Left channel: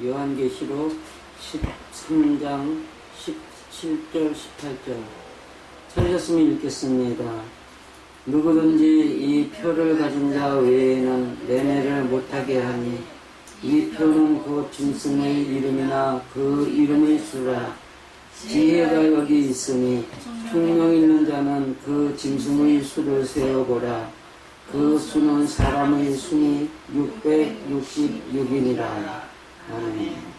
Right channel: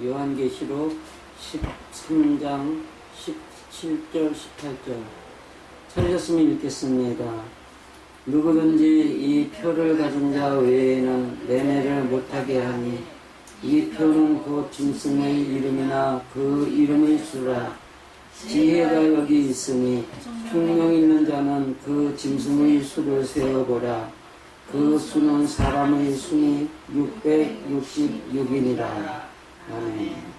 요한계시록 13장 17절 18절 찾으셨으면 읽겠습니다. 누구든지 이 표를 가진 자 외에는 매매를 못하게 하니 이 표는 곧 짐승의 이름이나 그 이름의 수라. 지혜가 여기 있으니 총명 있는 자는 그 짐승의 수를 세어보라. 그 수는 사람의 수니 666이니라. 아멘.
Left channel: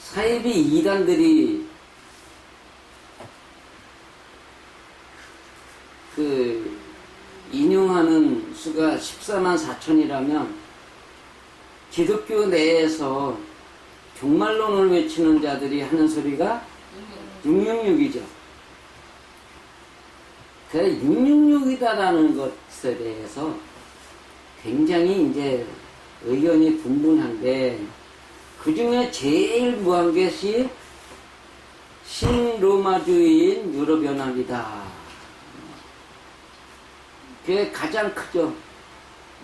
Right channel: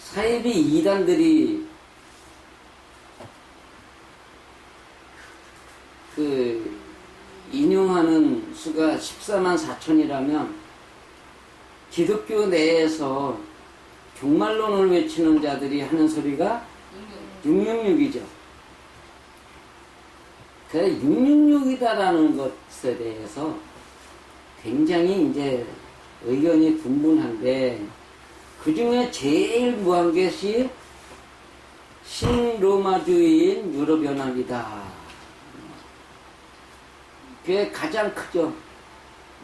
사이비 이단들이 인용하는 수가 14만 4천이라면 기독교 내에서 종말론을 외치는 자들이 하는 소리가 666이죠. 그 666이다라는 것에 대해서 굉장히 이제 의견이 분분한데, 그 중에 제일 무한 것이 신로마주의인 유럽연합이다. 그게 가장 크죠.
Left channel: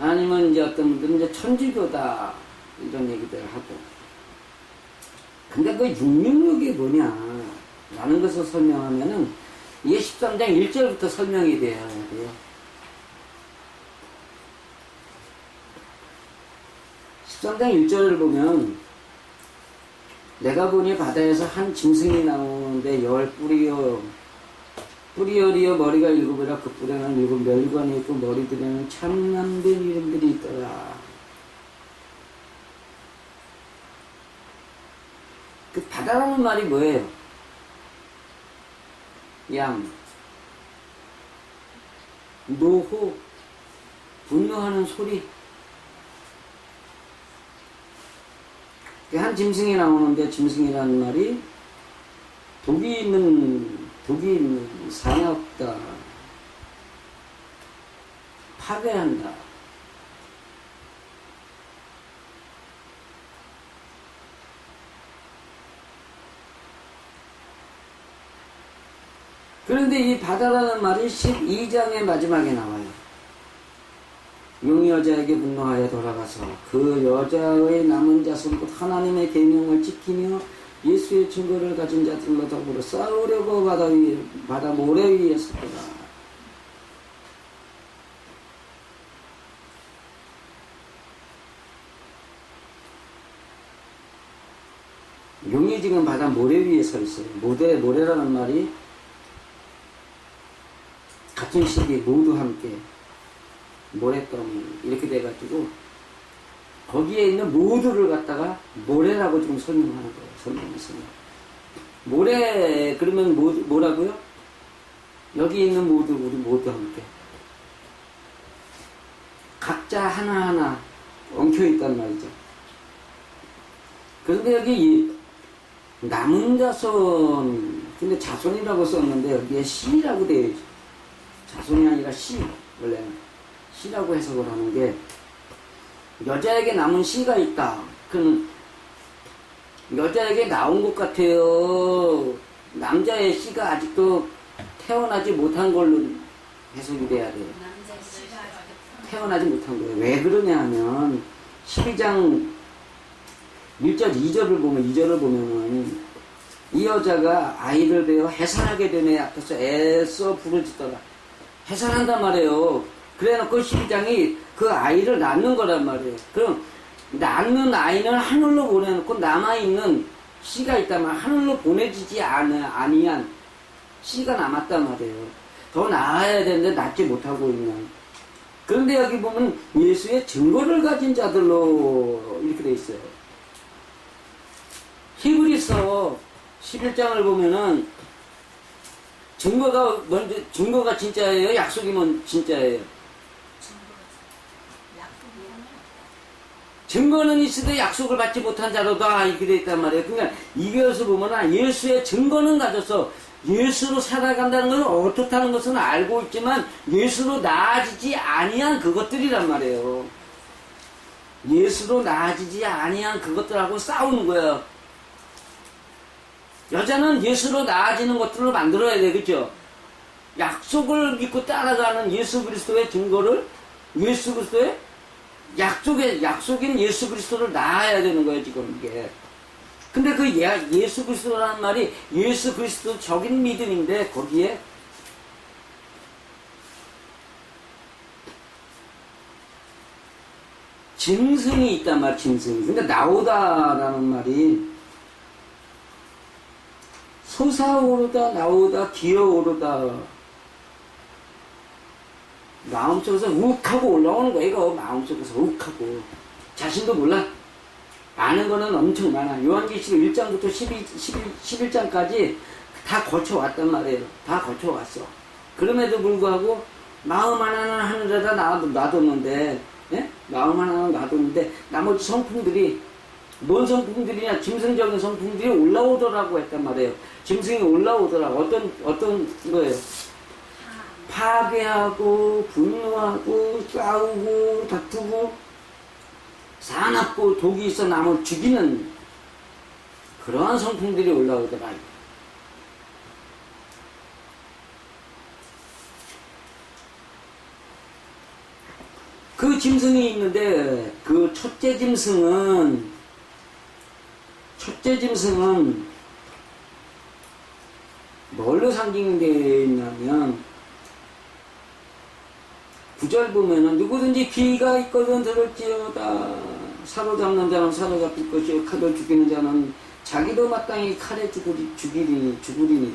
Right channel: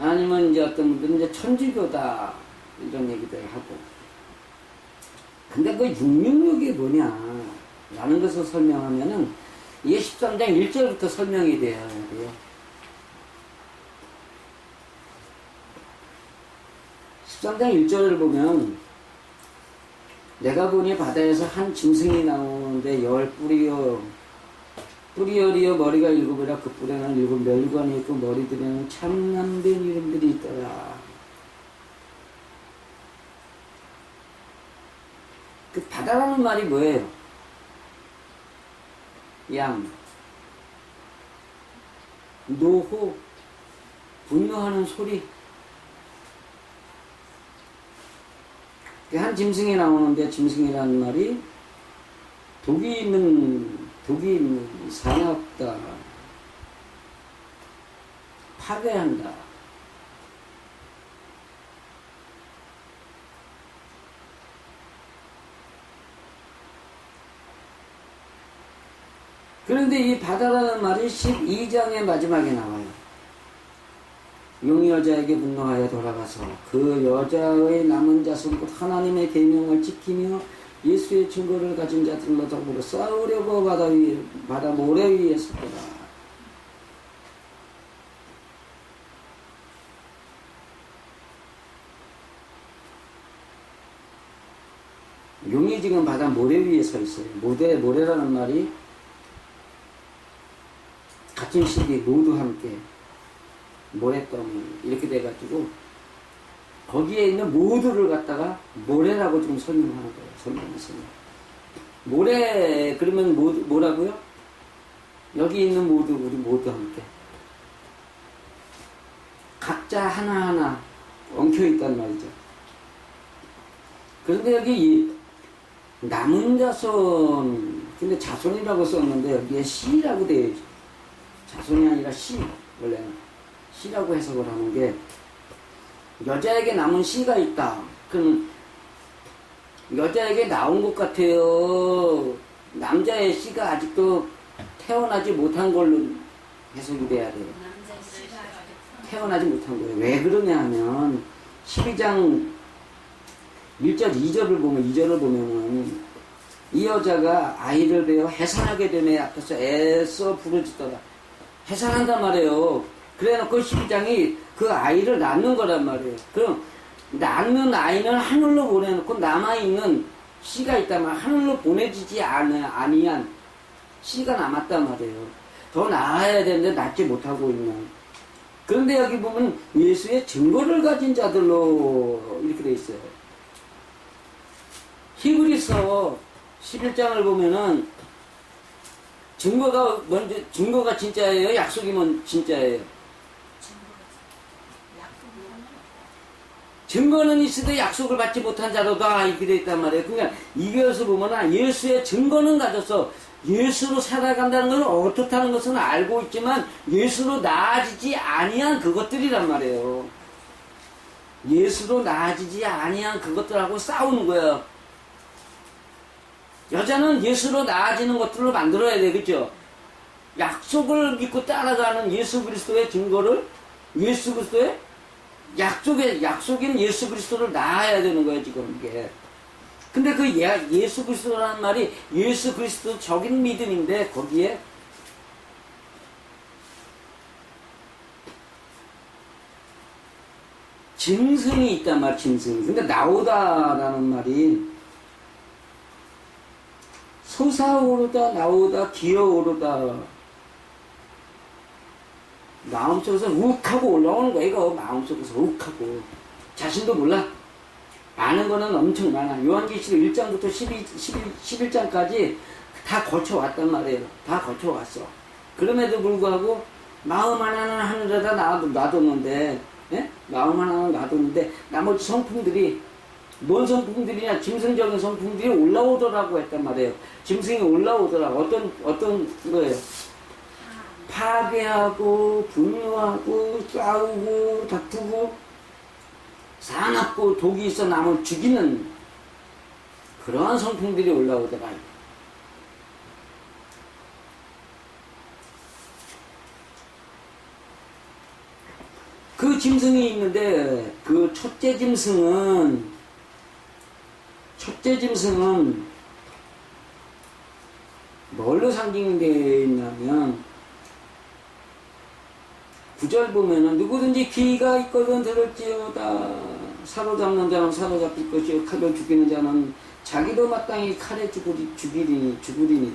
아니면 이제 어떤 분들은 이제 천주교다, 이런 얘기들 하고. 근데 그 666이 뭐냐 라는 것을 설명하면은 이게 13장 1절부터 설명이 돼야 돼요. 13장 1절을 보면, 내가 보니 바다에서 한 짐승이 나오는데 열 뿌리열이여 머리가 일곱이라 그 뿔에는 일곱 멸관이 있고 머리들에는 참남된 이름들이 있더라. 그 바다라는 말이 뭐예요? 양, 노호, 분노하는 소리. 한 짐승이 나오는데, 짐승이라는 말이 독이 있는 사납다, 파괴한다. 그런데 이 바다라는 말이 12장의 마지막에 나와요. 용이 여자에게 분노하여 돌아가서 그 여자의 남은 자손 곧 하나님의 계명을 지키며 예수의 증거를 가진 자들로 더불어 싸우려고 바다 모래 위에 섰더라. 용이 지금 바다 모래 위에 서 있어요. 모래라는 말이 같은 시기 모두 함께 모래덩이 이렇게 돼가지고 거기에 있는 모두를 갖다가 모래라고 지금 설명하는 거예요. 설명해서 모래 그러면 뭐라고요? 여기 있는 모두, 우리 모두 함께 각자 하나하나 엉켜있단 말이죠. 그런데 여기 남은 자손, 근데 자손이라고 썼는데 여기에 씨라고 되어 있죠. 자손이 아니라 씨, 원래는 씨라고 해석을 하는 게, 여자에게 남은 씨가 있다. 그는 여자에게 나온 것 같아요. 남자의 씨가 아직도 태어나지 못한 걸로 해석이 돼야 돼요. 태어나지 못한 거예요. 왜 그러냐 하면 12장 1절 2절을 보면은 이 여자가 아이를 베어 해산하게 되네 앞에서 애써 부르짖더라. 해산한단 말이에요. 그래놓고 12장이 그 아이를 낳는 거란 말이에요. 그럼 낳는 아이는 하늘로 보내놓고 남아있는 씨가 있다면 하늘로 보내지지 아니한 씨가 남았단 말이에요. 더 낳아야 되는데 낳지 못하고 있는. 그런데 여기 보면 예수의 증거를 가진 자들로 이렇게 돼 있어요. 히브리서 11장을 보면은 증거가 진짜예요? 약속이면 진짜예요? 증거는 있어도 약속을 받지 못한 자로다, 이렇게 되어 있단 말이에요. 그러니까 이것을 보면 예수의 증거는 가져서 예수로 살아간다는 것은 어떻다는 것은 알고 있지만 예수로 나아지지 아니한 그것들이란 말이에요. 예수로 나아지지 아니한 그것들하고 싸우는 거예요. 여자는 예수로 나아지는 것들로 만들어야 되겠죠. 약속을 믿고 따라가는 예수 그리스도의 증거를 예수 그리스도의 약속인 예수 그리스도를 낳아야 되는 거예요, 지금 이게. 근데 그 예수 그리스도라는 말이 예수 그리스도적인 믿음인데, 거기에 짐승이 있단 말, 짐승이. 근데 나오다라는 말이 솟아오르다, 나오다, 기어오르다. 마음속에서 욱하고 올라오는 거야, 이거. 마음속에서 욱하고. 자신도 몰라. 아는 거는 엄청 많아. 요한계시록 1장부터 11장까지 다 거쳐왔단 말이에요. 다 거쳐왔어. 그럼에도 불구하고 마음 하나는 하늘에다 놔뒀는데, 예? 마음 하나는 놔뒀는데, 나머지 성품들이, 뭔 성품들이냐? 짐승적인 성품들이 올라오더라고 했단 말이에요. 짐승이 올라오더라고. 어떤 거예요? 파괴하고, 분노하고, 싸우고, 다투고, 사납고, 독이 있어 남을 죽이는 그러한 성품들이 올라오더라. 그 짐승이 있는데, 그 첫째 짐승은 뭘로 상징되어 있냐면, 9절 보면은 누구든지 귀가 있거든 들을지어다. 사로잡는 자는 사로잡힐 것이요 칼로 죽이는 자는 자기도 마땅히 칼에 죽으리니.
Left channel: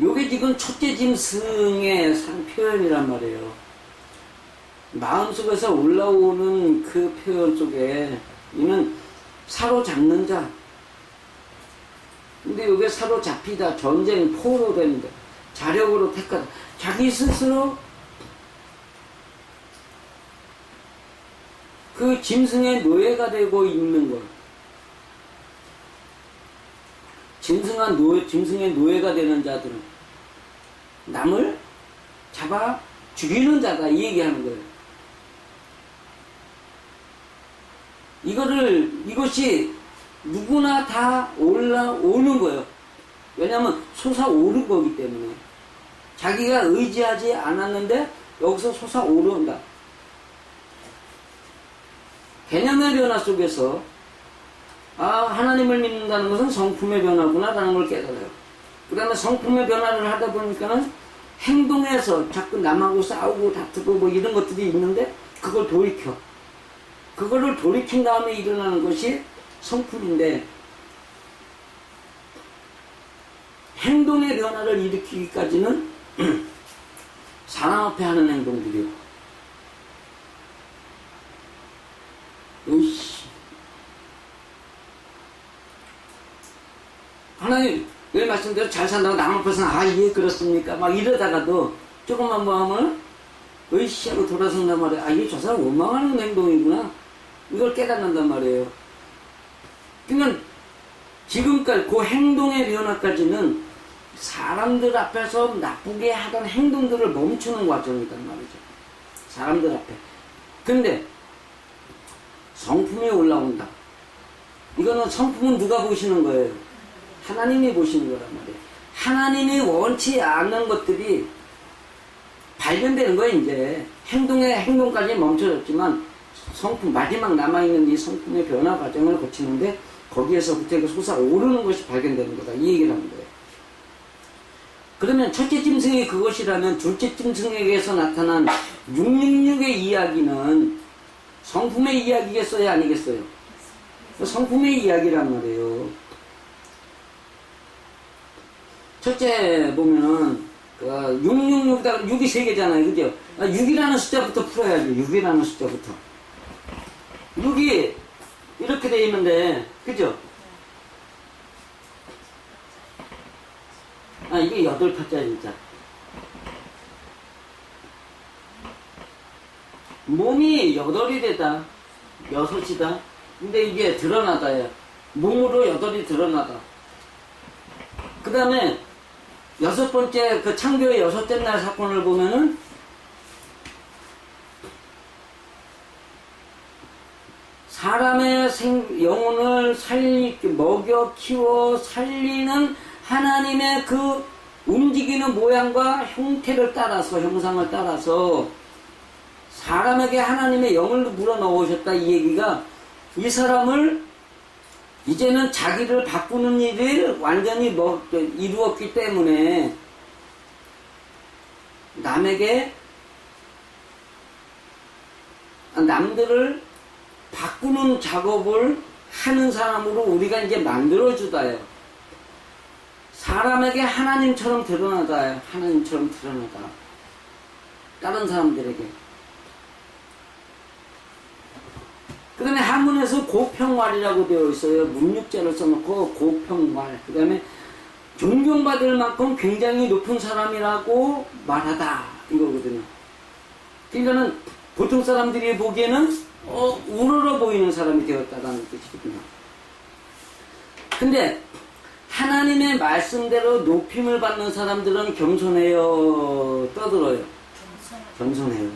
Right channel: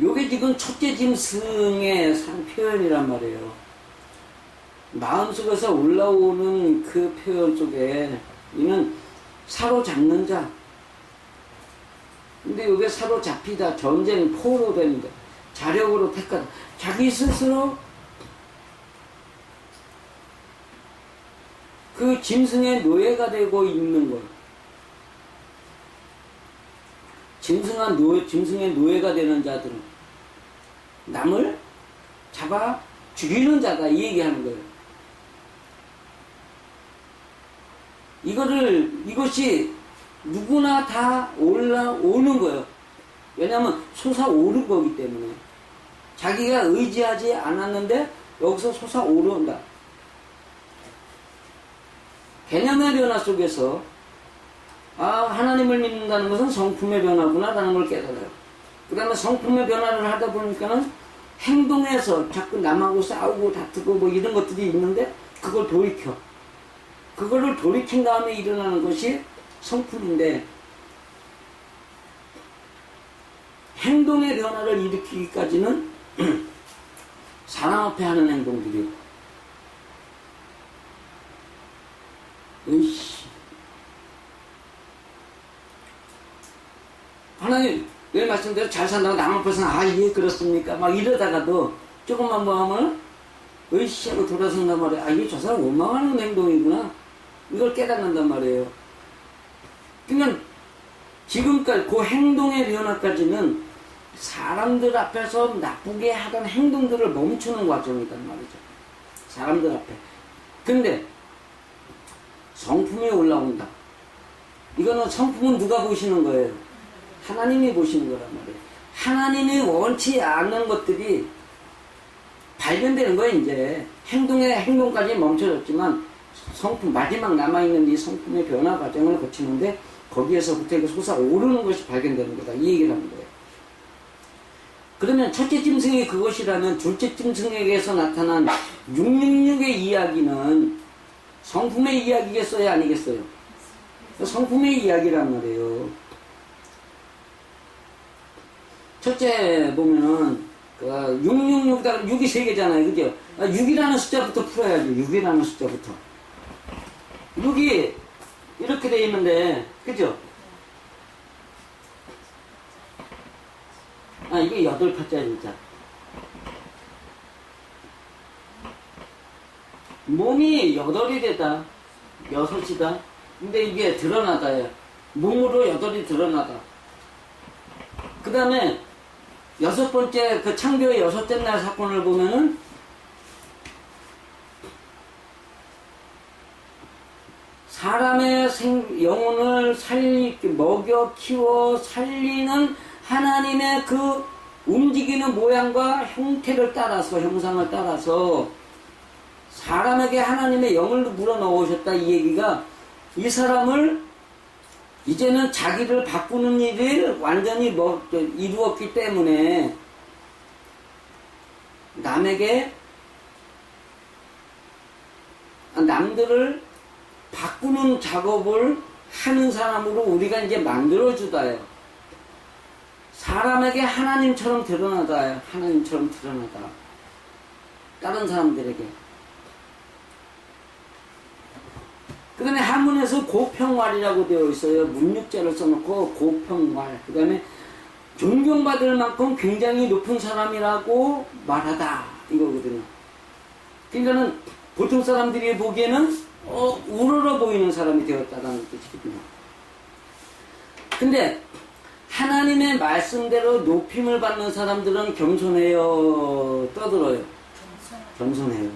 요게 지금 첫째 짐승의 표현이란 말이에요. 마음속에서 올라오는 그 표현 속에 이는 사로잡는 자. 근데 요게 사로잡히다, 전쟁, 포로됩니다. 자력으로 택하다. 자기 스스로 그 짐승의 노예가 되고 있는 것. 짐승의 노예가 되는 자들은 남을 잡아 죽이는 자다, 이 얘기하는 거예요. 이것이 누구나 다 올라오는 거예요. 왜냐하면 솟아오른 거기 때문에. 자기가 의지하지 않았는데 여기서 솟아오른다. 개념의 변화 속에서 하나님을 믿는다는 것은 성품의 변화구나 라는 걸 깨달아요. 그 다음에 성품의 변화를 하다 보니까는 행동에서 자꾸 남하고 싸우고 다투고 뭐 이런 것들이 있는데 그거를 돌이킨 다음에 일어나는 것이 성품인데, 행동의 변화를 일으키기까지는 사람 앞에 하는 행동들이요. 하나님, 늘 말씀대로 잘 산다고 남 앞에서는 예, 그렇습니까? 막 이러다가도 조금만 뭐 하면 으이씨 하고 돌아선단 말이에요. 이게 저 사람 원망하는 행동이구나. 이걸 깨닫는단 말이에요. 그러니까 지금까지 그 행동의 변화까지는 사람들 앞에서 나쁘게 하던 행동들을 멈추는 과정이란 말이죠. 사람들 앞에. 근데 성품이 올라온다. 이거는 성품은 누가 보시는 거예요? 하나님이 보시는 거란 말이에요. 하나님이 원치 않는 것들이 발견되는 거예요, 이제. 행동까지 멈춰졌지만 성품, 마지막 남아있는 이 성품의 변화 과정을 거치는데 거기에서부터 이거 솟아오르는 것이 발견되는 거다. 이 얘기를 하는 거예요. 그러면 첫째 짐승이 그것이라면 둘째 짐승에게서 나타난 666의 이야기는 성품의 이야기겠어요? 아니겠어요? 성품의 이야기란 말이에요. 첫째 보면은 666, 6이 3개잖아요. 그죠? 6이라는 숫자부터 풀어야죠. 6이라는 숫자부터. 6이 이렇게 돼 있는데, 그죠? 이게 8파짜리 진짜. 몸이 8이 되다. 6이다. 근데 이게 드러나다요. 몸으로 8이 드러나다. 그 다음에 6번째, 그 창조의 6째 날 사건을 보면은 사람의 영혼을 먹여 키워 살리는 하나님의 그 움직이는 모양과 형태를 따라서, 형상을 따라서 사람에게 하나님의 영을 불어넣으셨다. 이 얘기가 이 사람을 이제는 자기를 바꾸는 일을 완전히 이루었기 때문에 남들을 바꾸는 작업을 하는 사람으로 우리가 이제 만들어주다요. 사람에게 하나님처럼 드러나다요. 하나님처럼 드러나다. 다른 사람들에게. 그 다음에 한문에서 고평왈이라고 되어 있어요. 문육자를 써놓고 고평왈. 그 다음에 존경받을 만큼 굉장히 높은 사람이라고 말하다. 이거거든요. 그러니까는 보통 사람들이 보기에는 우러러 보이는 사람이 되었다는 뜻이거든요. 근데 하나님의 말씀대로 높임을 받는 사람들은 겸손해요, 떠들어요? 겸손해요.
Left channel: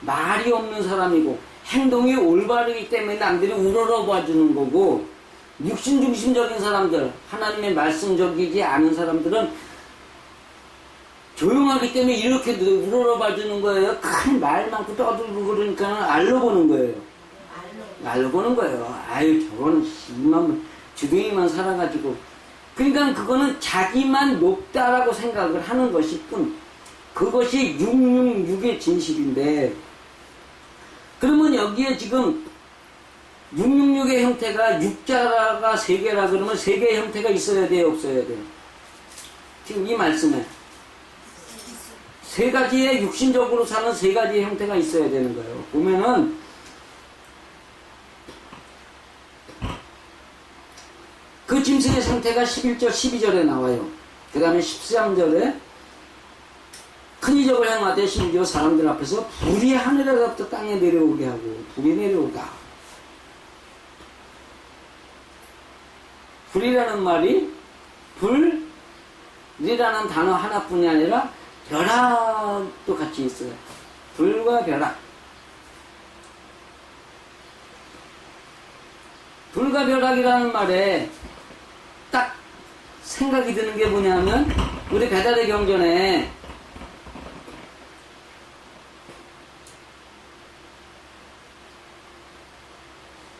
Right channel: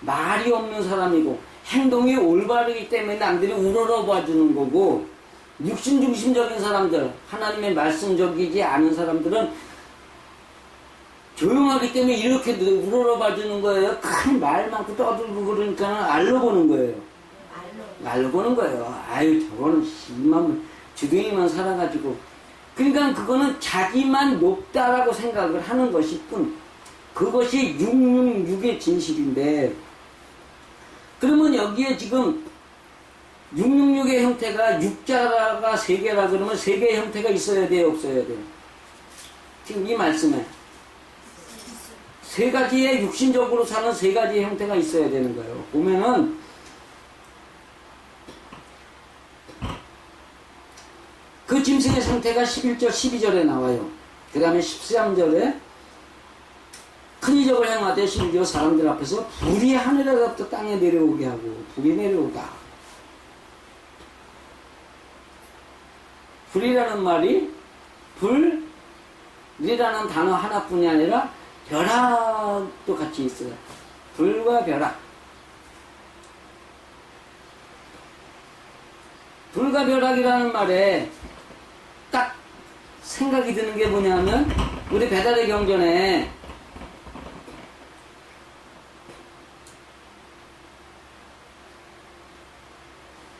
말이 없는 사람이고 행동이 올바르기 때문에 남들이 우러러 봐주는 거고, 육신 중심적인 사람들, 하나님의 말씀적이지 않은 사람들은 조용하기 때문에 이렇게 우러러 봐주는 거예요. 큰 말 많고 떠들고 그러니까 알로 보는 거예요. 알로 보는 거예요. 아유, 저거는 이만 주둥이만 살아가지고. 그러니까 그거는 자기만 높다라고 생각을 하는 것일 뿐. 그것이 666의 진실인데, 그러면 여기에 지금 666의 형태가 6자가 3개라 그러면 3개의 형태가 있어야 돼요, 없어야 돼요? 지금 이 말씀에 3가지의 육신적으로 사는 3가지의 형태가 있어야 되는 거예요. 보면은 그 짐승의 상태가 11절, 12절에 나와요. 그 다음에 13절에 큰 이적을 행하되 심지어 사람들 앞에서 불이 하늘에서부터 땅에 내려오게 하고, 불이 내려오다. 불이라는 말이 불이라는 단어 하나뿐이 아니라 벼락도 같이 있어요. 불과 벼락. 불과 벼락이라는 말에 딱 생각이 드는 게 뭐냐면, 우리 배달의 경전에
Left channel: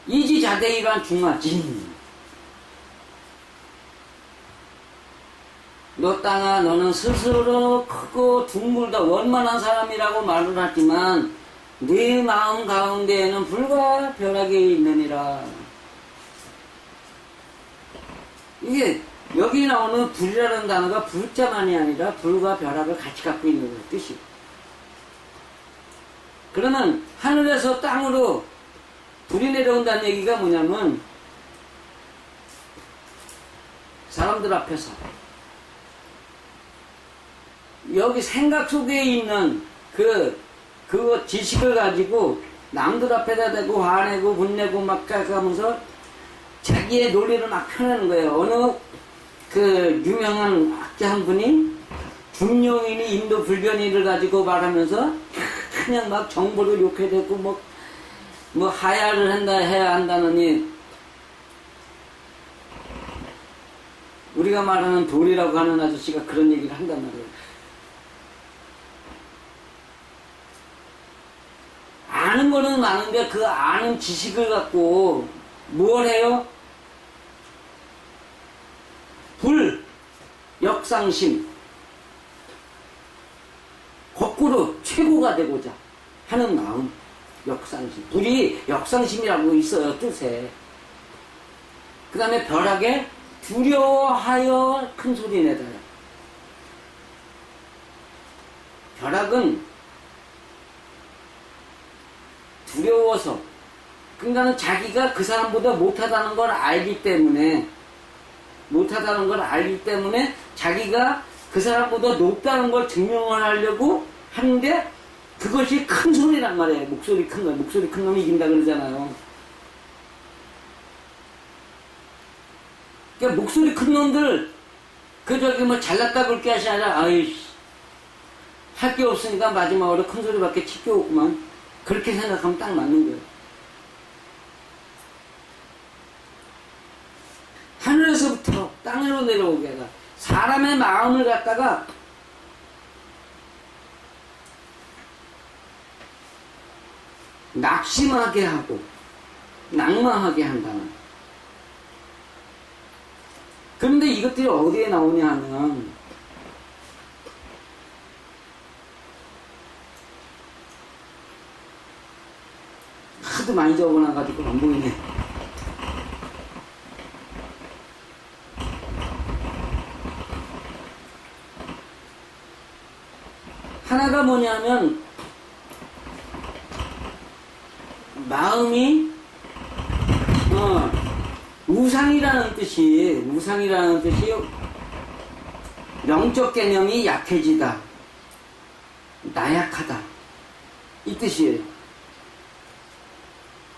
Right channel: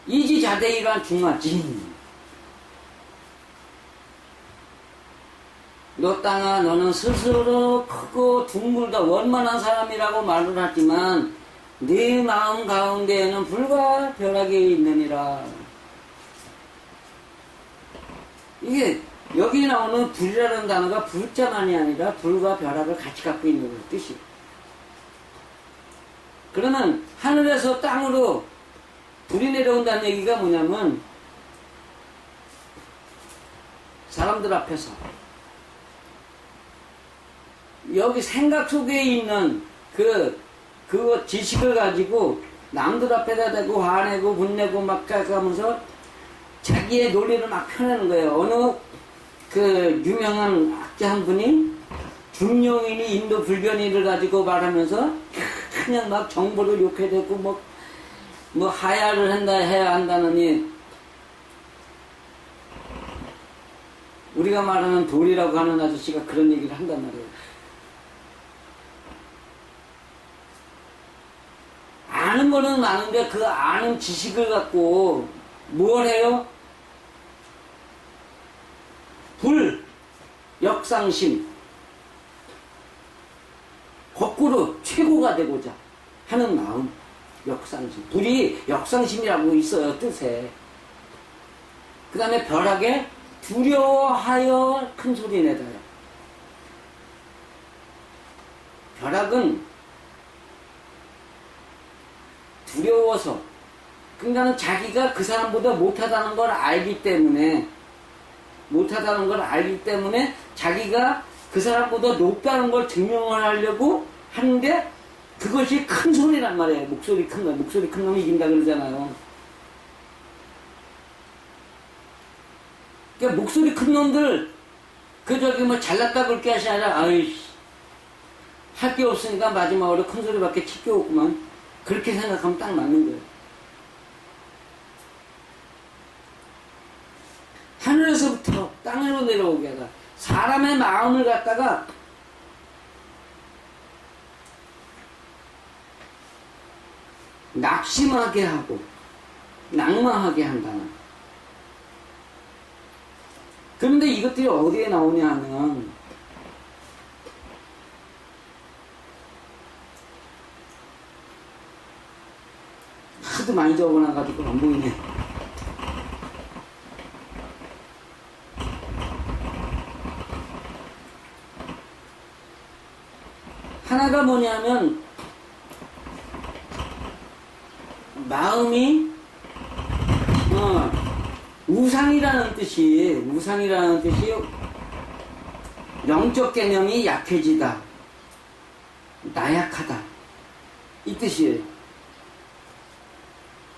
이지자대이란 중화진. 너 땅아, 너는 스스로 크고 둥글다 원만한 사람이라고 말을 하지만 네 마음 가운데에는 불과 벼락이 있느니라. 이게 여기 나오는 불이라는 단어가 불자만이 아니라 불과 벼락을 같이 갖고 있는 뜻이에요. 그러면 하늘에서 땅으로 불이 내려온다는 얘기가 뭐냐면, 사람들 앞에서 여기 생각 속에 있는 그 지식을 가지고 남들 앞에다 대고 화내고 분내고 막 가면서 자기의 논리를 막 펴내는 거예요. 어느 그 유명한 학자 한 분이 중용인이 인도 불변이를 가지고 말하면서 그냥 막 정보를 욕해대고 뭐 하야를 해야 한다느니, 우리가 말하는 돌이라고 하는 아저씨가 그런 얘기를 한단 말이에요. 아는 거는 많은데 그 아는 지식을 갖고 뭘 해요? 불, 역상심, 거꾸로 최고가 되고자 하는 마음. 역상심. 불이 역상심이라고 있어요, 뜻에. 그 다음에 벼락에 두려워하여 큰 소리 내다요. 벼락은 두려워서, 그러니까 자기가 그 사람보다 못하다는 걸 알기 때문에 자기가 그 사람보다 높다는 걸 증명을 하려고 하는데, 그것이 큰 소리란 말이에요. 목소리 큰 놈. 목소리 큰 놈이 이긴다 그러잖아요. 그러니까 목소리 큰 놈들, 뭐 잘났다 그럴 게 아니라, 아이씨, 할 게 없으니까 마지막으로 큰 소리밖에 칠 게 없구만. 그렇게 생각하면 딱 맞는 거예요. 하늘에서부터 땅으로 내려오게 하다. 사람의 사람의 마음을 갖다가 낙심하게 하고 낭망하게 한다는. 그런데 이것들이 어디에 나오냐 하면 하도 많이 적어놔가지고 안 보이네. 하나가 뭐냐면 마음이 우상이라는 뜻이 영적 개념이 약해지다, 나약하다 이 뜻이에요.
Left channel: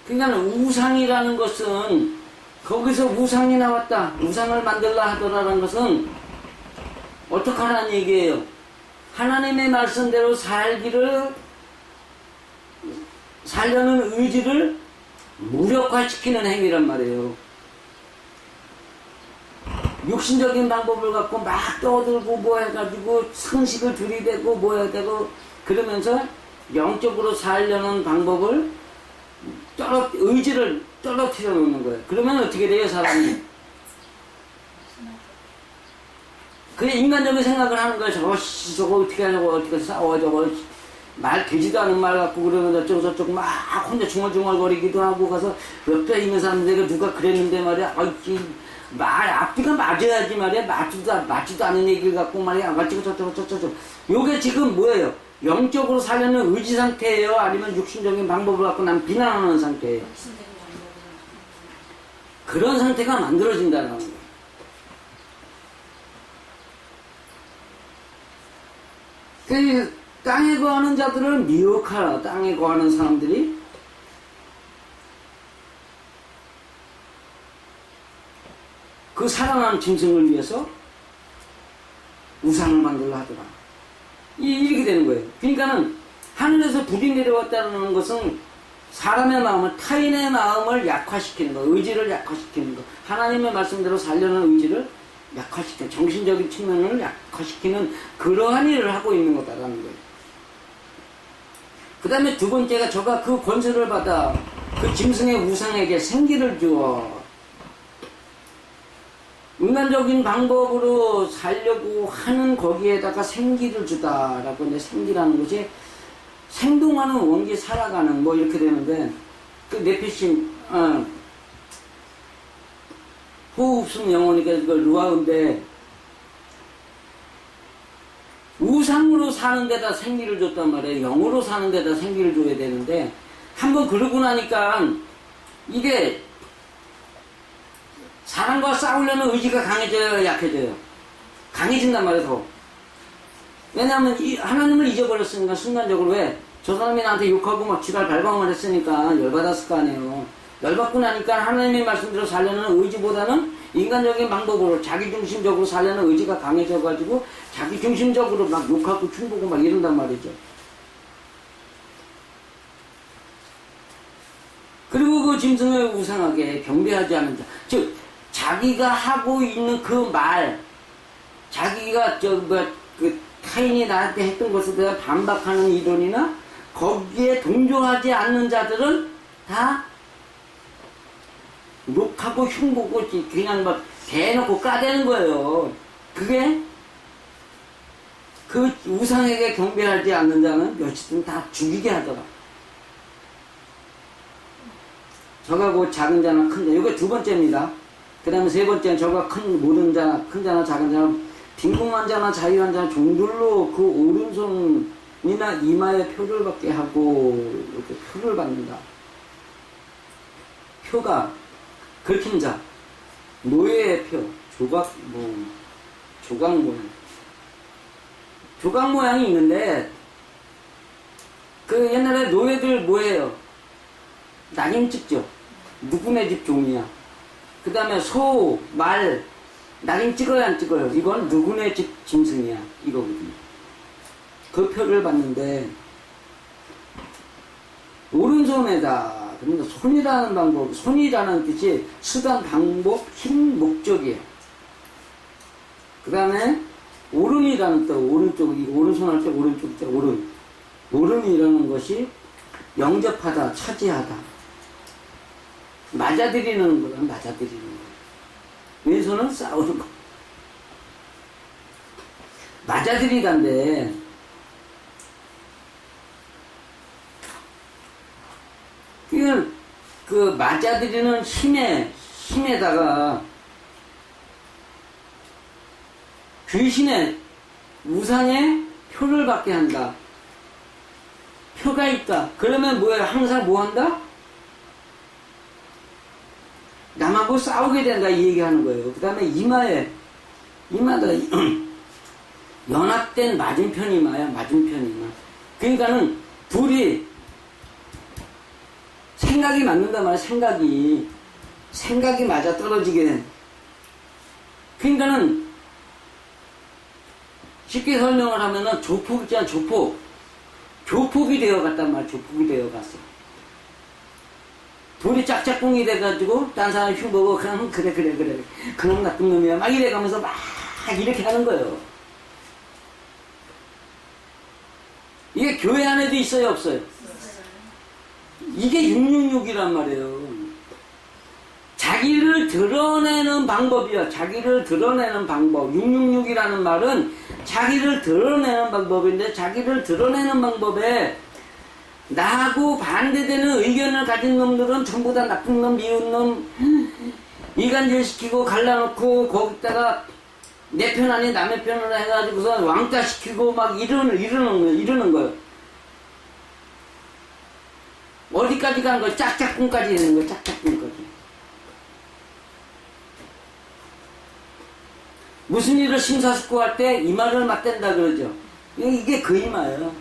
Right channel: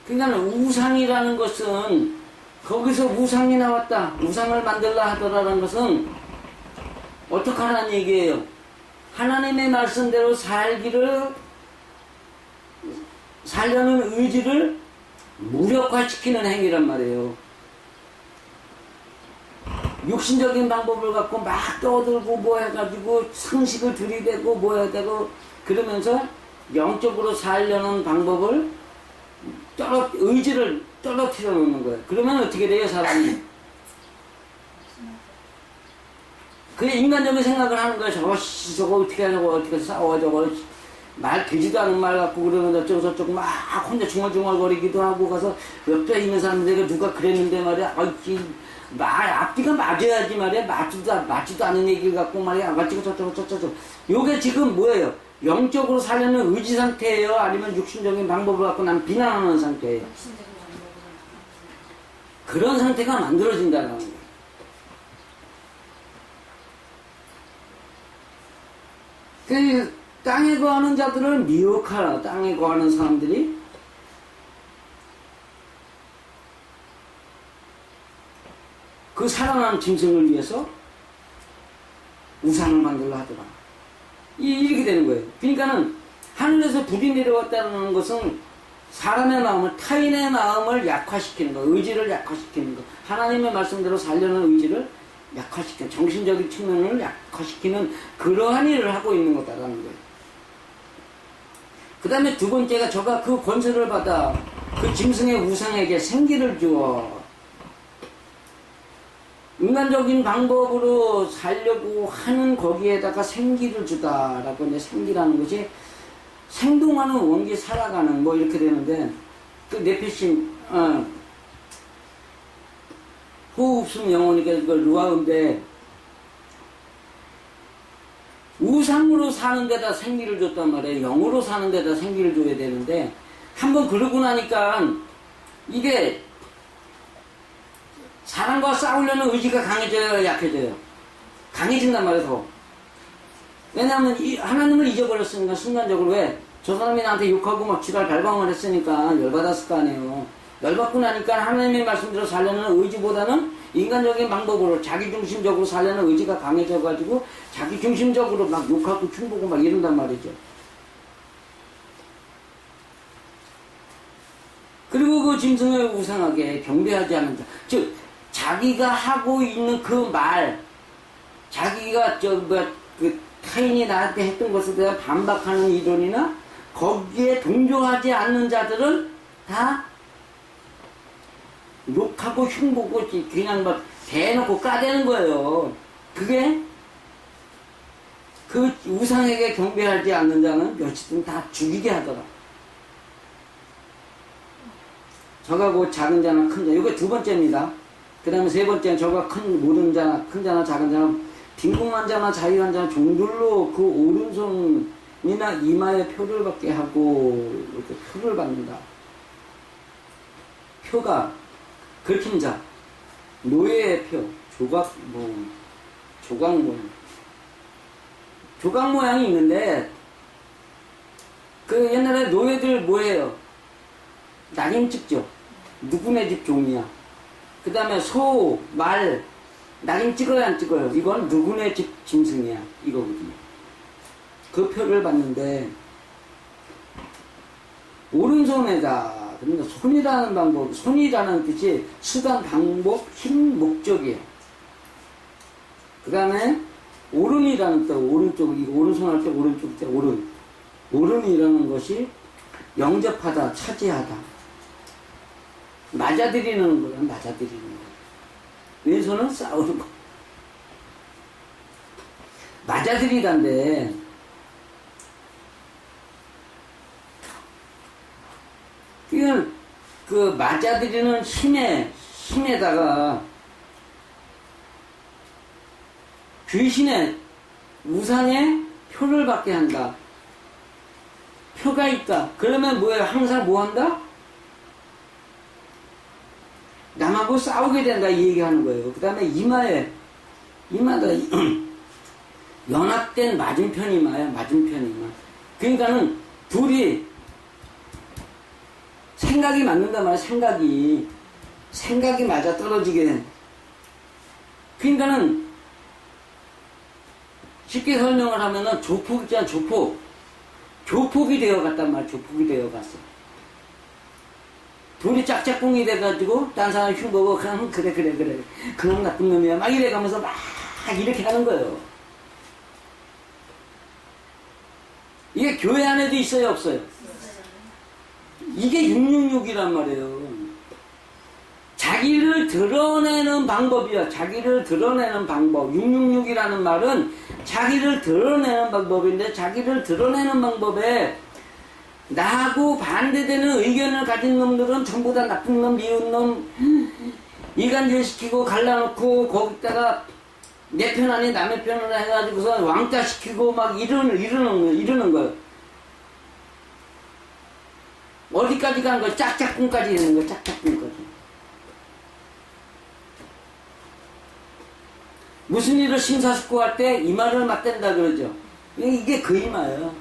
그러니까 우상이라는 것은 거기서 우상이 나왔다, 우상을 만들라 하더라는 것은 어떻게 하라는 얘기예요? 하나님의 말씀대로 살려는 의지를 무력화시키는 행위란 말이에요. 육신적인 방법을 갖고 막 떠들고 뭐 해가지고 상식을 들이대고 뭐 해야 되고 그러면서 영적으로 살려는 방법을 의지를 떨어뜨려 놓는 거예요. 그러면 어떻게 돼요, 사람이? 그냥 인간적인 생각을 하는 거예요. 저거 어떻게 하냐고, 어떻게 싸워, 저거 말 되지도 않은 말 갖고 그러면 어쩌고 저쩌고 막 혼자 중얼중얼거리기도 하고 가서 옆에 있는 사람들에게 누가 그랬는데 말이야, 말 앞뒤가 맞아야지 말이야. 맞지도 않은 얘기를 갖고 말이야, 아가씨가 저쩌고 요게 지금 뭐예요? 영적으로 살려는 의지 상태예요? 아니면 육신적인 방법을 갖고 난 비난하는 상태예요? 그런 상태가 만들어진다는 거예요. 그 땅에 거하는 자들을 미혹하라. 땅에 거하는 사람들이 그 살아난 짐승을 위해서 우상을 만들라 하더라. 이렇게 되는 거예요. 그러니까는 하늘에서 불이 내려왔다는 것은 사람의 마음을, 타인의 마음을 약화시키는 거, 의지를 약화시키는 거, 하나님의 말씀대로 살려는 의지를 약화시키는, 정신적인 측면을 약화시키는 그러한 일을 하고 있는 거다라는 거예요. 그 다음에 두 번째가 저가 그 권세를 받아 그 짐승의 우상에게 생기를 주어 인간적인 방법으로 살려고 하는 거기에다가 생기를 주다라고. 이제 생기라는 것이 생동하는 원기, 살아가는 뭐 이렇게 되는데, 그 네피심 호흡숨 영혼이니까 그 루아인데 우상으로 사는 데다 생기를 줬단 말이에요. 영으로 사는 데다 생기를 줘야 되는데 한번 그러고 나니까 이게 사람과 싸우려는 의지가 강해져요, 약해져요? 강해진단 말이에요, 더. 왜냐하면 하나님을 잊어버렸으니까 순간적으로. 왜? 저 사람이 나한테 욕하고 막 지랄 발광을 했으니까 열받았을 거 아니에요. 열받고 나니까 하나님의 말씀대로 살려는 의지보다는 인간적인 방법으로 자기중심적으로 살려는 의지가 강해져가지고 자기중심적으로 막 욕하고 흉보고 막 이런단 말이죠. 그리고 그 짐승을 우상하게 경배하지 않는 자, 즉 자기가 하고 있는 그 말, 자기가 그 타인이 나한테 했던 것에 대해 반박하는 이론이나 거기에 동조하지 않는 자들은 다 욕하고 흉보고 그냥 막 대놓고 까대는 거예요. 그게 그 우상에게 경배하지 않는 자는 며칠은 다 죽이게 하더라. 저가 그 작은 자나 큰 자, 이게 두 번째입니다. 그 다음에 세 번째는 저가 큰 모든 자나 큰 자나 작은 자나 빈궁한 자나 자유한 자나 종들로 그 오른손이나 이마에 표를 받게 하고 이렇게 표를 받는다. 표가 긁힌 자, 노예의 표, 조각 모양. 조각 모양이 있는데 그 옛날에 노예들 뭐예요? 낙인 찍죠. 누구네 집 종이야. 그 다음에 소, 말, 낙인 찍어요, 안 찍어요? 이건 누구네 집 짐승이야. 이거거든요. 그 표를 봤는데, 오른손에다, 그러니까 손이라는 방법, 손이라는 뜻이 수단, 방법, 힘, 목적이에요. 그 다음에 오름이라는 뜻, 오른쪽, 이거 오른손 할 때 오른쪽 때 오름. 오름이라는 것이 영접하다, 차지하다. 맞아들이는 거야, 맞아들이는 거. 왼손은 싸우는 거. 맞아들이다인데, 그 맞아들이는 힘에다가 귀신의 우상의 표를 받게 한다. 표가 있다. 그러면 뭐예요? 항상 뭐 한다? 남하고 싸우게 된다. 이 얘기하는 거예요. 그 다음에 이마다 연합된 맞은편 이마야. 맞은편 이마. 그러니까는 둘이 생각이 맞는단 말이야. 생각이 맞아 떨어지게 된. 그러니까는 쉽게 설명을 하면은 조폭 있잖아. 조폭이 되어갔단 말이야. 조폭이 되어갔어. 둘이 짝짝꿍이 돼가지고 딴 사람 흉보고 그냥 그래 그놈 나쁜 놈이야 막 이래가면서 막 이렇게 하는 거예요. 이게 교회 안에도 있어요 없어요? 이게 666이란 말이에요. 자기를 드러내는 방법이야. 자기를 드러내는 방법. 666이라는 말은 자기를 드러내는 방법인데, 자기를 드러내는 방법에 나하고 반대되는 의견을 가진 놈들은 전부 다 나쁜 놈, 미운 놈, 이간질시키고 갈라놓고 거기다가 내 편 아닌 남의 편을 해가지고서 왕따시키고 막 이러는 거예요. 어디까지 간 거야? 짝짝꿍까지 있는 거야. 짝짝꿍까지. 무슨 일을 심사숙고할 때 이마를 맞댄다 그러죠. 이게 그 이마예요.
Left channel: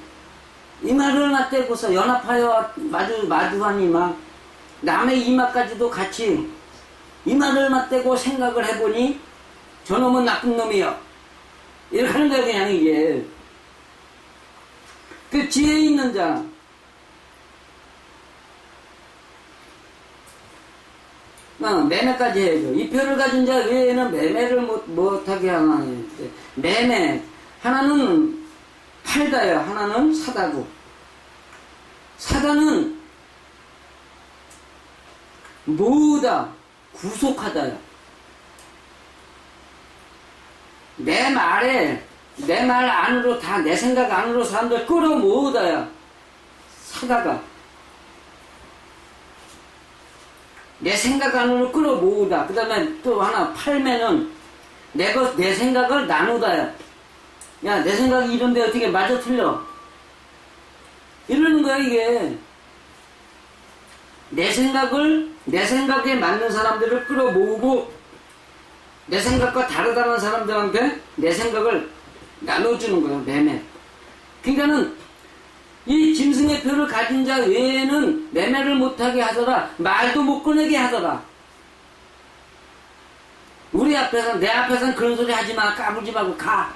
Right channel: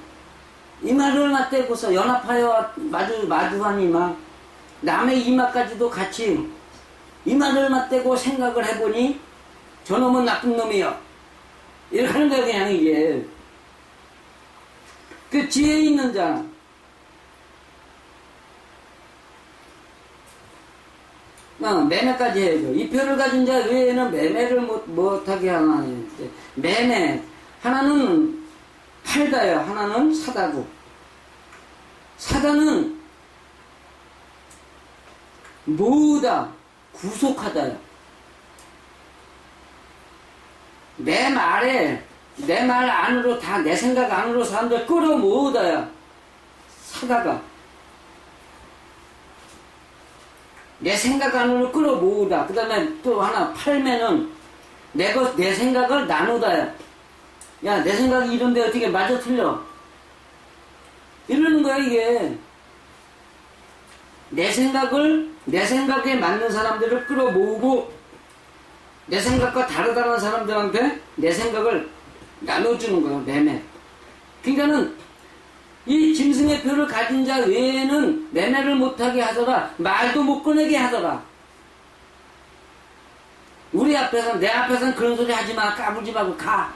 이마를 맞대고서 연합하여 마주한 이마, 남의 이마까지도 같이 이마를 맞대고 생각을 해보니 저놈은 나쁜 놈이요. 이렇게 하는 거예요. 그냥 이게 그 지혜 있는 자, 매매까지 해야죠. 이 표를 가진 자 외에는 매매를 못하게 하나요. 매매. 하나는 팔다요. 하나는 사다고. 사다는 모으다. 구속하다요. 내 말 안으로 다 내 생각 안으로 사람들 끌어모으다요. 사다가. 내 생각 안으로 끌어모으다. 그 다음에 또 하나 팔매는 내 생각을 나누다야. 야, 내 생각이 이런데 어떻게 맞아 틀려? 이러는 거야 이게. 내 생각에 맞는 사람들을 끌어모으고 내 생각과 다르다는 사람들한테 내 생각을 나눠주는 거야. 매매. 그러니까는 이 짐승의 표를 가진 자 외에는 매매를 못하게 하더라. 말도 못 꺼내게 하더라. 내 앞에서는 그런 소리 하지 마. 까불지 말고 가.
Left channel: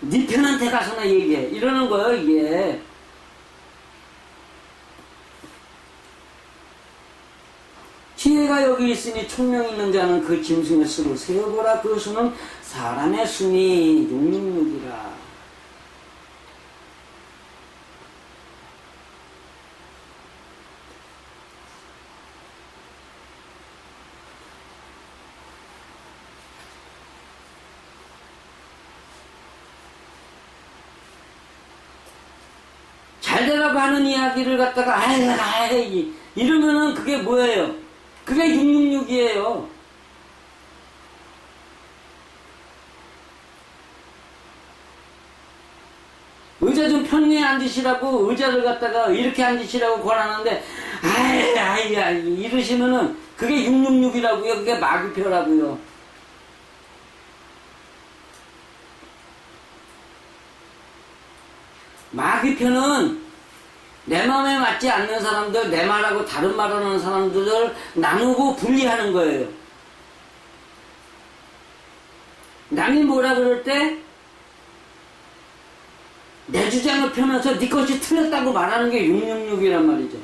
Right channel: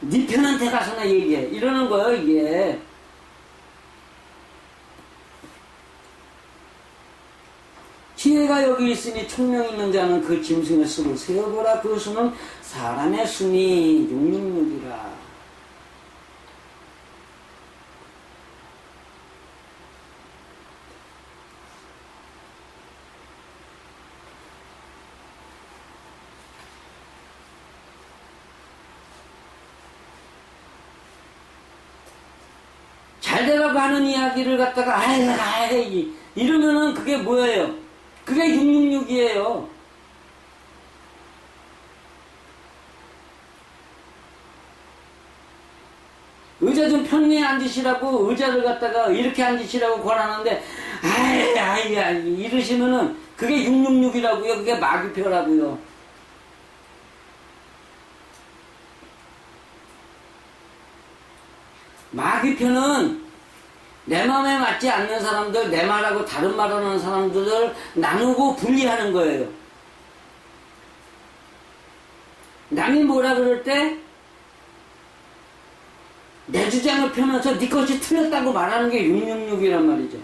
네 편한테 가서나 얘기해. 이러는 거예요, 이게. 지혜가 여기 있으니 총명 있는 자는 그 짐승의 수를 세어보라. 그 수는 사람의 수니 666이라. 잘 되라고 하는 이야기를 갖다가 아이 이러면은 그게 뭐예요? 그게 666이에요. 의자 좀 편히 앉으시라고 의자를 갖다가 이렇게 앉으시라고 권하는데 아이 이러시면은 그게 666이라고요. 그게 마귀표라고요. 마귀표는 내 마음에 맞지 않는 사람들, 내 말하고 다른 말하는 사람들을 나누고 분리하는 거예요. 남이 뭐라 그럴 때 내 주장을 펴면서 네 것이 틀렸다고 말하는 게 666이란 말이죠.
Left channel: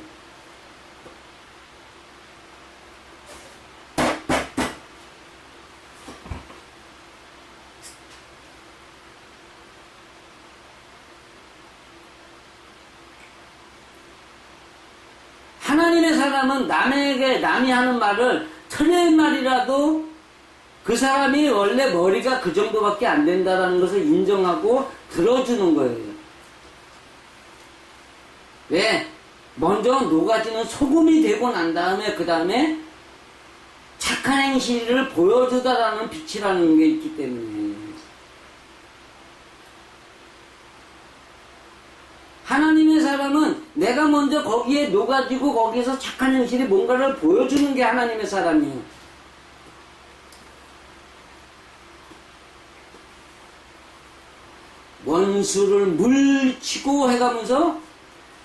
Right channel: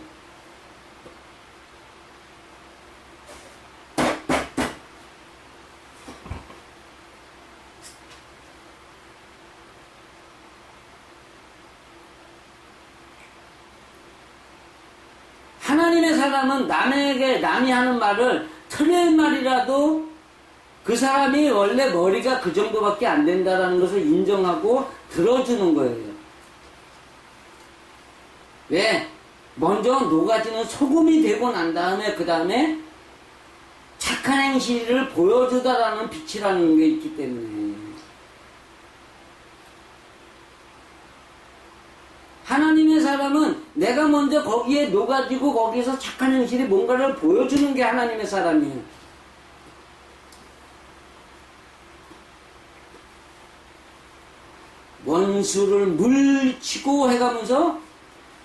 하나님의 사람은 남이 하는 말을 틀린 말이라도 그 사람이 원래 머리가 그 정도밖에 안 된다라는 것을 인정하고 들어주는 거예요. 왜? 먼저 녹아지는 소금이 되고 난 다음에 그 다음에 착한 행실을 보여주다라는 빛이라는 게 있기 때문에 하나님의 사람은 내가 먼저 거기에 녹아지고 거기에서 착한 행실이 뭔가를 보여주는 게 하나님의 사람이에요. 원수를 물치고 해가면서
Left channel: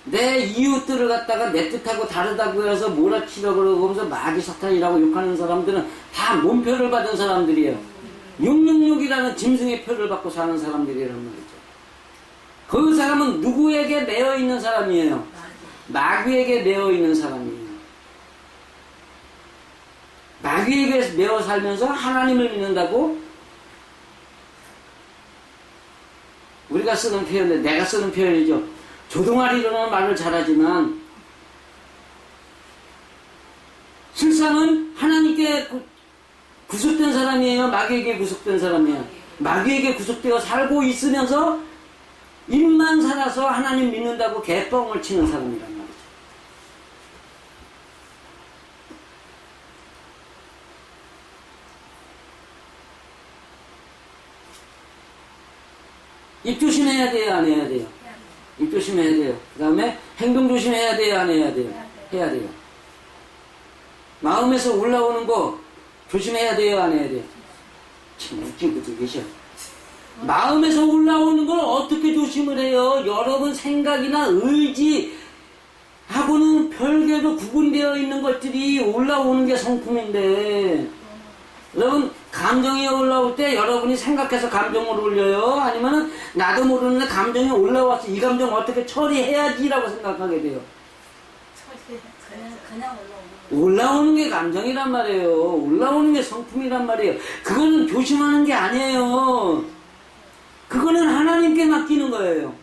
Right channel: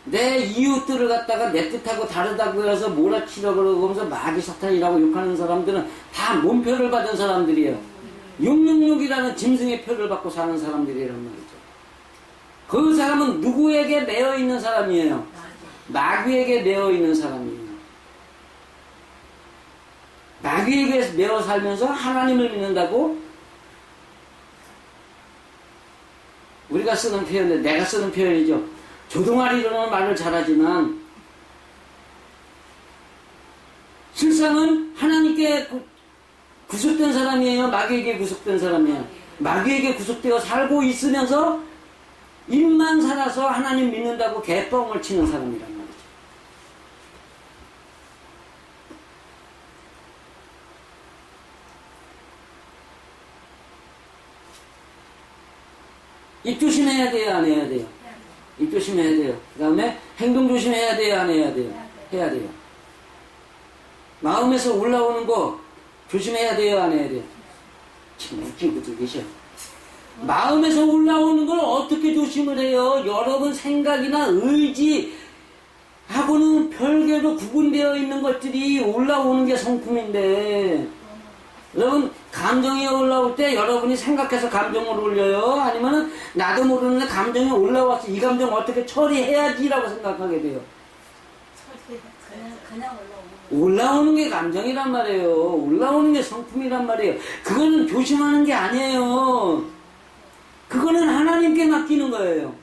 내 이웃들을 갖다가 내 뜻하고 다르다고 해서 몰아치려고 그러면서 마귀 사탄이라고 욕하는 사람들은 다 몸표를 받은 사람들이에요. 666이라는 짐승의 표를 받고 사는 사람들이란 말이죠. 그 사람은 누구에게 매여 있는 사람이에요? 마귀에게 매여 있는 사람이에요. 마귀에게 매여 살면서 하나님을 믿는다고? 우리가 쓰는 표현인데 내가 쓰는 표현이죠. 조동아리로는 말을 잘하지만 실상은 하나님께 구속된 사람이에요? 마귀에게 구속된 사람이에요? 마귀에게 구속되어 살고 있으면서 입만 살아서 하나님 믿는다고 개뻥을 치는 사람이란 말이죠. 입 조심해야 돼요? 안 해야 돼요? 입 조심해야 돼요. 그 다음에 행동 조심해야 돼요? 안 해야 돼요? 해야 돼요. 마음에서 올라오는 거 조심해야 돼요? 안 해야 돼요? 참 웃긴 분들 계셔. 마음에서 올라오는 걸 어떻게 조심을 해요? 여러분 생각이나 의지하고는 별개로 구분되어 있는 것들이 올라오는 게 성품인데 여러분 감정이 올라올 때 여러분이 생각해서 감정을 올려요? 아니면 나도 모르는데 감정이 올라와서 이 감정 어떻게 처리해야지라고 생각하게 돼요? 그냥 올라오는 게 감정이란 말이에요. 올라오는 게 성품이란 말이에요. 그거는 조심하는 게 아니에요. 그거는 하나님께 맡기는 거예요.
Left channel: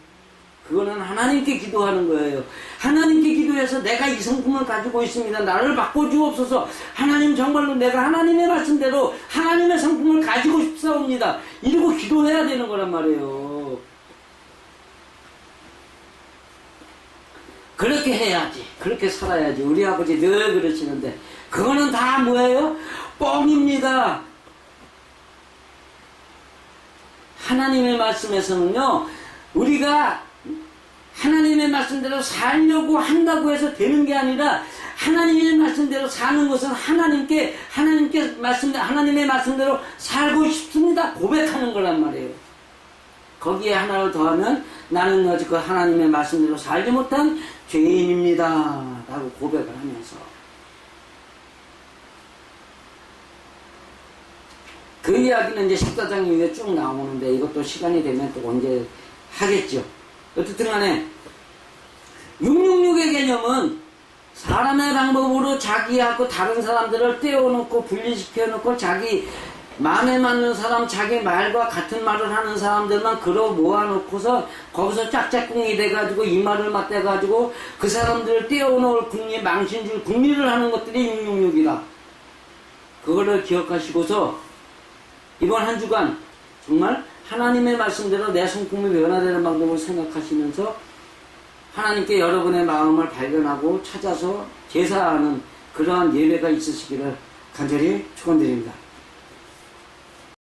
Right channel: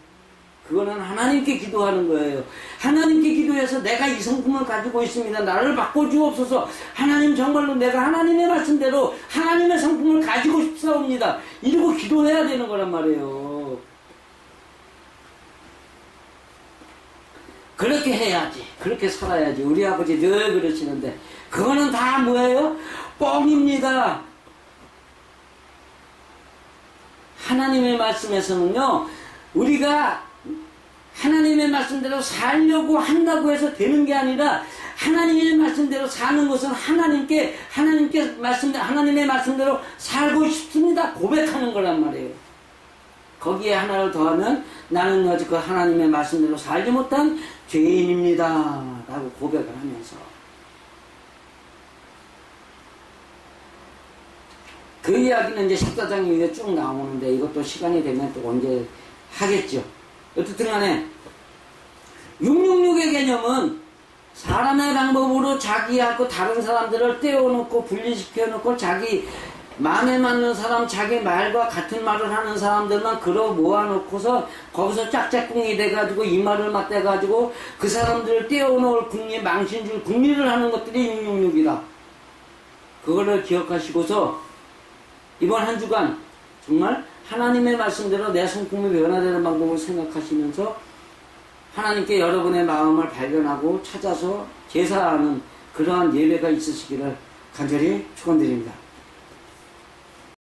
그거는 하나님께 기도하는 거예요. 하나님께 기도해서 내가 이 성품을 가지고 있습니다. 나를 바꿔주옵소서. 하나님 정말로 내가 하나님의 말씀대로 하나님의 성품을 가지고 싶사옵니다. 이러고 기도해야 되는 거란 말이에요. 그렇게 해야지. 그렇게 살아야지. 우리 아버지 늘 그러시는데 그거는 다 뭐예요? 뻥입니다. 하나님의 말씀에서는요, 우리가 하나님의 말씀대로 살려고 한다고 해서 되는 게 아니라 하나님의 말씀대로 사는 것은 하나님의 말씀대로 살고 싶습니다. 고백하는 거란 말이에요. 거기에 하나를 더하면 나는 여지껏 하나님의 말씀대로 살지 못한 죄인입니다. 라고 고백을 하면서 그 이야기는 이제 14장 이후에 쭉 나오는데 이것도 시간이 되면 또 언제 하겠죠. 어쨌든 간에 666의 개념은 사람의 방법으로 자기하고 다른 사람들을 떼어놓고 분리시켜놓고 자기 마음에 맞는 사람, 자기 말과 같은 말을 하는 사람들만 끌어 모아놓고서 거기서 짝짝꿍이 돼가지고 이 말을 맞대가지고 그 사람들을 떼어놓을 궁리, 망신줄 궁리를 하는 것들이 666이다. 그거를 기억하시고서 이번 한 주간 정말 하나님의 말씀대로 내 성품이 변화되는 방법을 생각하시면서 하나님께 여러분의 마음을 발견하고 찾아서 제사하는 그러한 예배가 있으시기를 간절히 축원드립니다.